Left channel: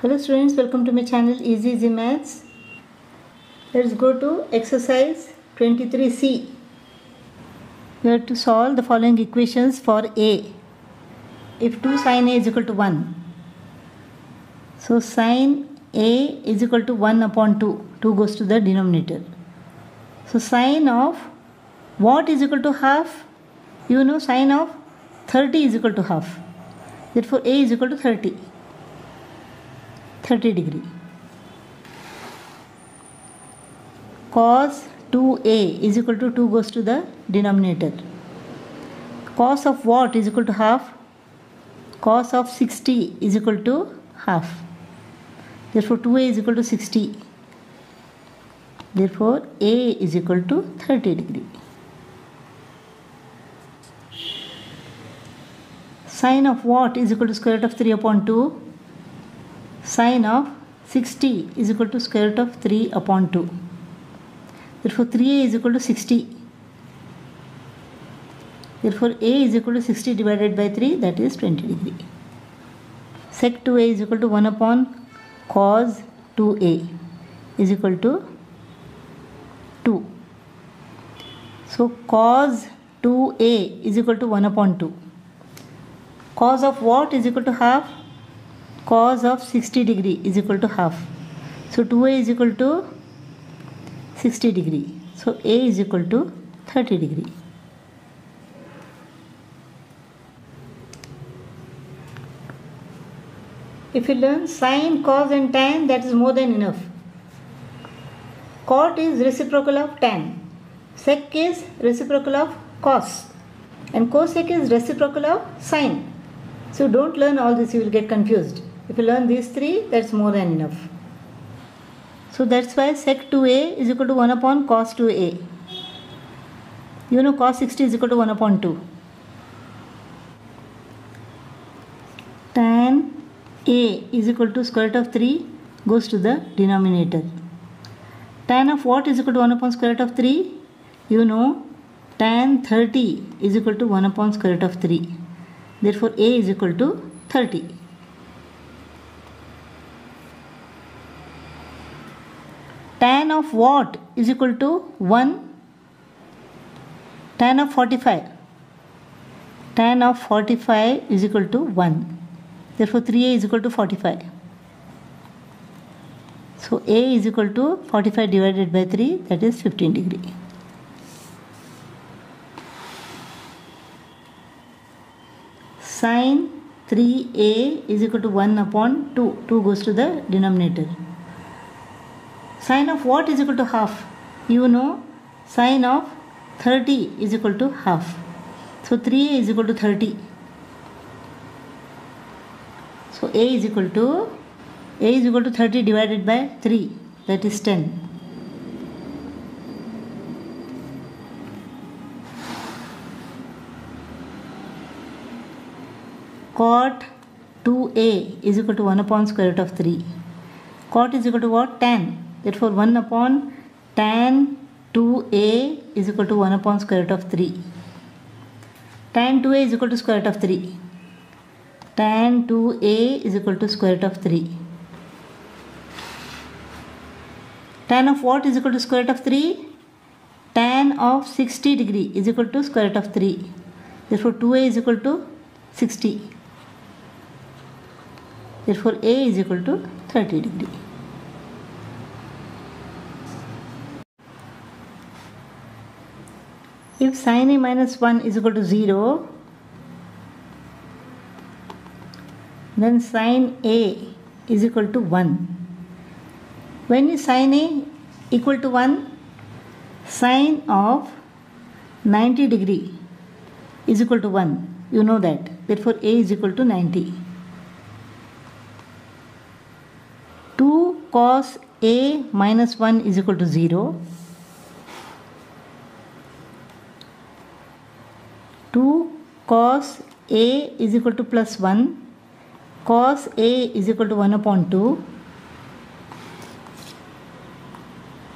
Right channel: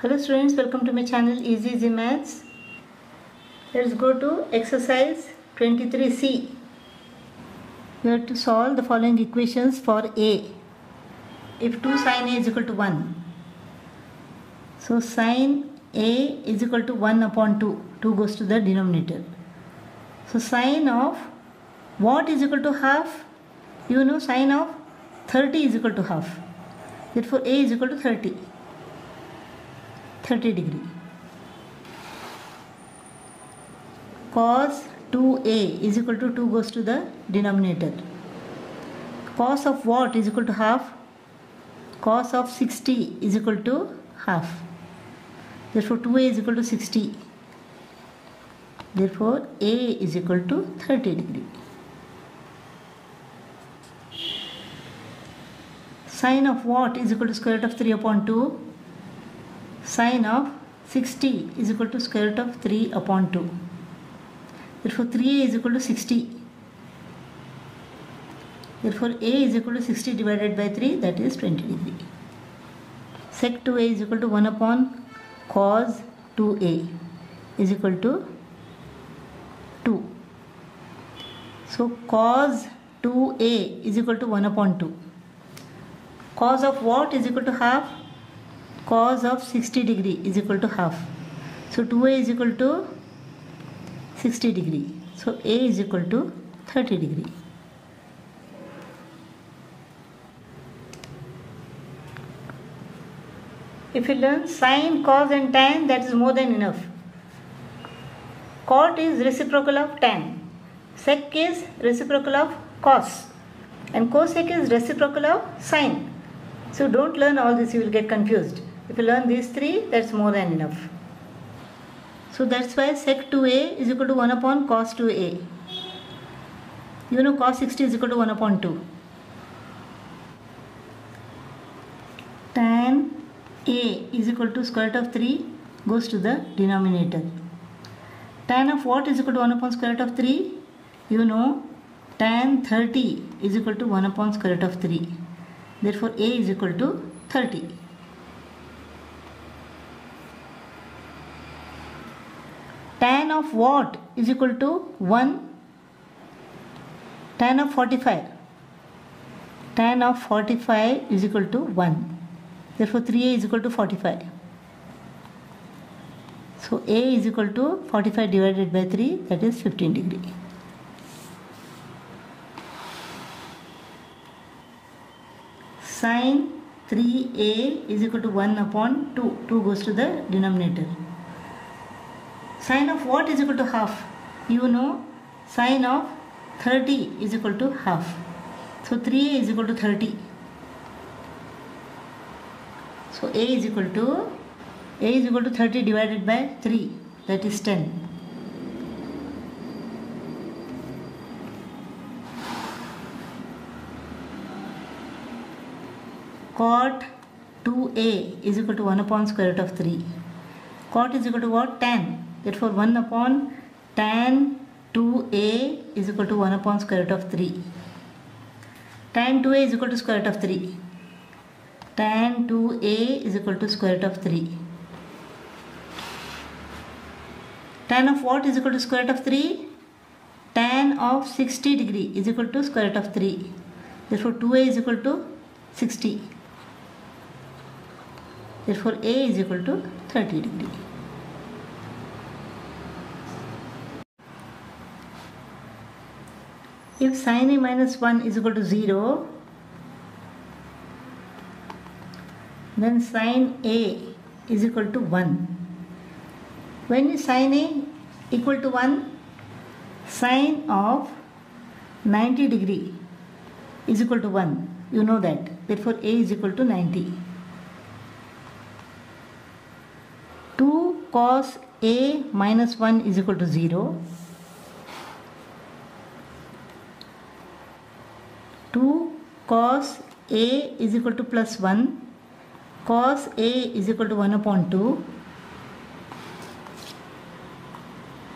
Hello students, welcome to my channel Easy Maths. Let's go to exercise 23C. We have to solve the following equations for A. If 2 sin A is equal to 1. So sin A is equal to 1 upon 2. 2 goes to the denominator. So sin of what is equal to half? You know sin of 30 is equal to half. Therefore A is equal to 30 degree. Cos 2A is equal to 2 goes to the denominator. Cos of what is equal to half? Cos of 60 is equal to half. Therefore 2A is equal to 60. Therefore A is equal to 30 degree. Sin of what is equal to square root of 3 upon 2? Sin of 60 is equal to square root of 3 upon 2. Therefore 3A is equal to 60. Therefore A is equal to 60 divided by 3, that is 20 degree. Sec 2A is equal to 1 upon cos 2A is equal to 2. So cos 2A is equal to 1 upon 2. Cos of what is equal to half? Cos of 60 degree is equal to half. So 2A is equal to 60 degree. So A is equal to 30 degree. If you learn sine, cos and tan, that is more than enough. Cot is reciprocal of tan. Sec is reciprocal of cos. And cosec is reciprocal of sine. So don't learn all this, you will get confused. If you learn these three, that's more than enough. So that's why sec 2A is equal to 1 upon cos 2A. You know cos 60 is equal to 1 upon 2. Tan A is equal to square root of 3 goes to the denominator. Tan of what is equal to 1 upon square root of 3? You know tan 30 is equal to 1 upon square root of 3. Therefore A is equal to 30. Tan of what is equal to 1? Tan of 45. Tan of 45 is equal to 1. Therefore 3A is equal to 45. So A is equal to 45 divided by 3, that is 15 degree. Sin 3A is equal to 1 upon 2. 2 goes to the denominator. Sin of what is equal to half? You know sin of 30 is equal to half. So 3A is equal to 30. So A is equal to 30 divided by 3, that is 10. Cot 2A is equal to 1 upon square root of 3. Cot is equal to what? Tan. Therefore 1 upon tan 2A is equal to 1 upon square root of 3. Tan 2A is equal to square root of 3. Tan 2A is equal to square root of 3. Tan of what is equal to square root of 3? Tan of 60 degree is equal to square root of 3. Therefore 2A is equal to 60. Therefore A is equal to 30 degree. If sin A minus 1 is equal to 0, then sin A is equal to 1. When is sin A equal to 1? Sin of 90 degree is equal to 1. You know that. Therefore A is equal to 90. 2 cos A minus 1 is equal to 0. 2 cos A is equal to plus 1. Cos A is equal to 1 upon 2.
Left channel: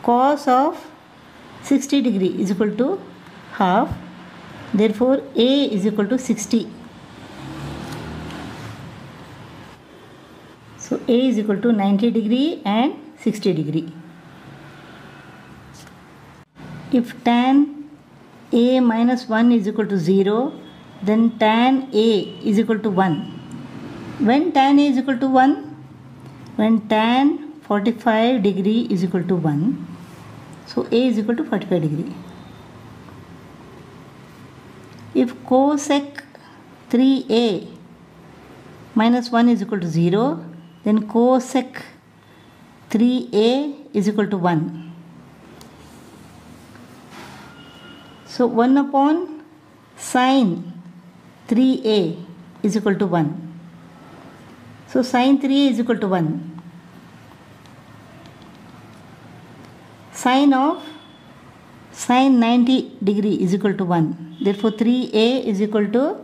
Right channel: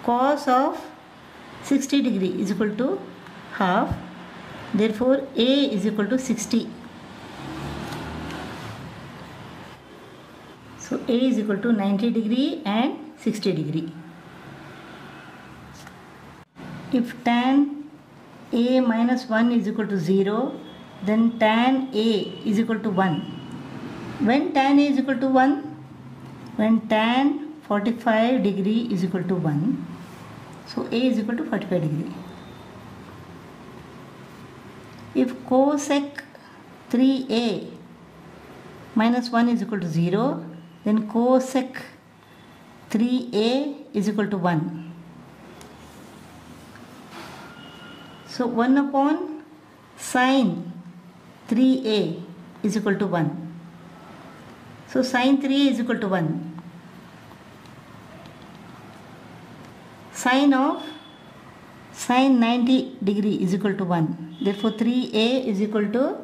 Cos of 60 degree is equal to half. Therefore A is equal to 60. So A is equal to 90 degree and 60 degree. If tan A minus 1 is equal to 0, then tan A is equal to 1. When tan A is equal to 1? When tan 45 degree is equal to 1. So A is equal to 45 degree. If cosec 3A minus 1 is equal to 0, then cosec 3A is equal to 1. So 1 upon sine 3A is equal to 1. So sine 3 is equal to 1. Sine of sine 90 degree is equal to 1. Therefore 3A is equal to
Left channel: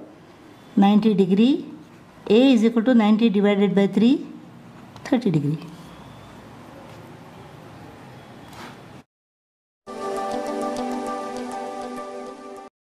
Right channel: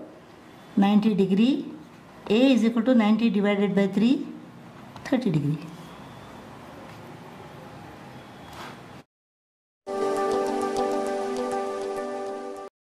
90 degree. A is equal to 90 divided by 3, 30 degree.